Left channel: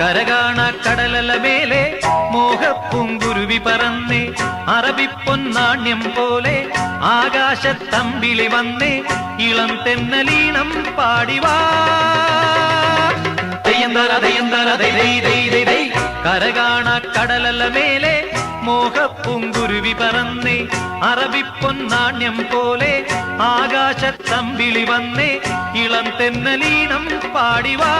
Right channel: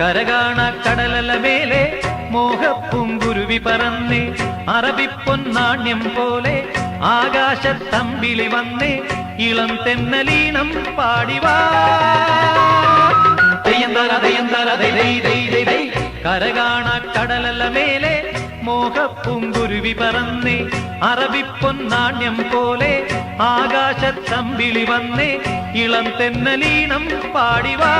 കരകാണ കടലല മേലെ മോഹപ്പൂങ്കുരുവി പറന്നേ അറബിപ്പൊന്നാണ്യം പോലെ ആകാശത്തമ്പിളി വന്നേ ഇളം തെന്നലീണം പാടിവാ കരകാണ കടലല മേലെ മോഹപ്പൂങ്കുരുവി പറന്നേ അറബിപ്പൊന്നാണ്യം പോലെ ആകാശത്തമ്പിളി വന്നേ ഇളം തെന്നലീണം പാടിവാ.